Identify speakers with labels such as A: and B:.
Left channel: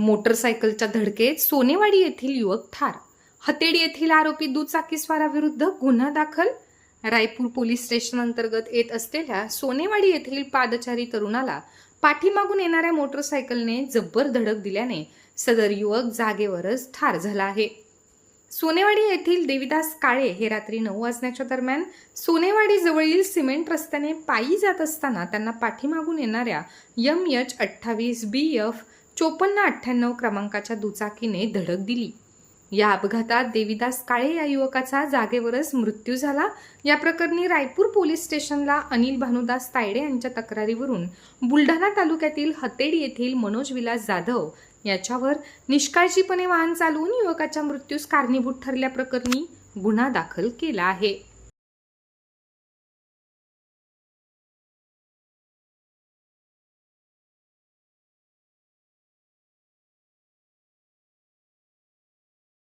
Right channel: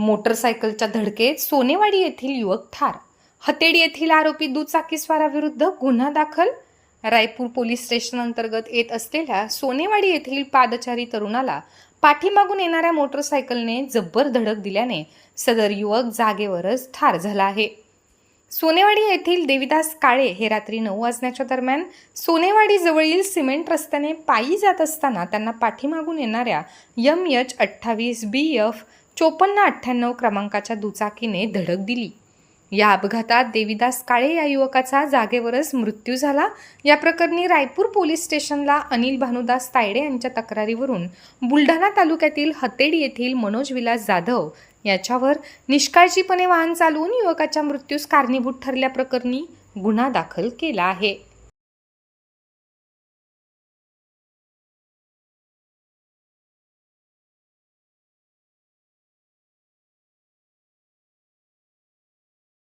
A: मोटरसायकलच्या धडकेत सोनेवाडी येथील युवक ठार. हतेडी येथील आरोपी दुचाकीस्वाराविरुद्ध गुन्हा दाखल. रायपूर पोलीस स्टेशन अंतर्गत येत असलेल्या सोनेवाडी येथील पादचारी तरुणाला पाठीमागून येणाऱ्या मोटरसायकलने जब्बर धडक दिल्याने सदर युवक जागेवरच ठार झाला आहे. सोनेवाडी येथील देविदास काळे हे रात्री नऊ वाजण्याच्या दरम्यान सोनेवाडी जवळील सिमेंट रस्त्याने पायी जात असताना त्यांना पाठीमागून येणाऱ्या यम एच अठ्ठावीस बी एफ चोपन्न अठ्ठ्याण्णव क्रमांकाच्या दुचाकीने धडक दिली. या अपघातात देविदास काळे या युवकाचा जागेवरच मृत्यू झाला. या प्रकरणी रायपूर पोलीस स्टेशनला अनिल भानुदास तायडे यांच्या तक्रारीवरून बुलढाणा तालुक्यातील हतेडी येथील मनोज विलास जाधव याच्यावर निष्काळजीपणे वाहन चालवून युवकाच्या मृत्यूस कारणीभूत ठरल्याप्रकरणी गुन्हा दाखल केला आहे.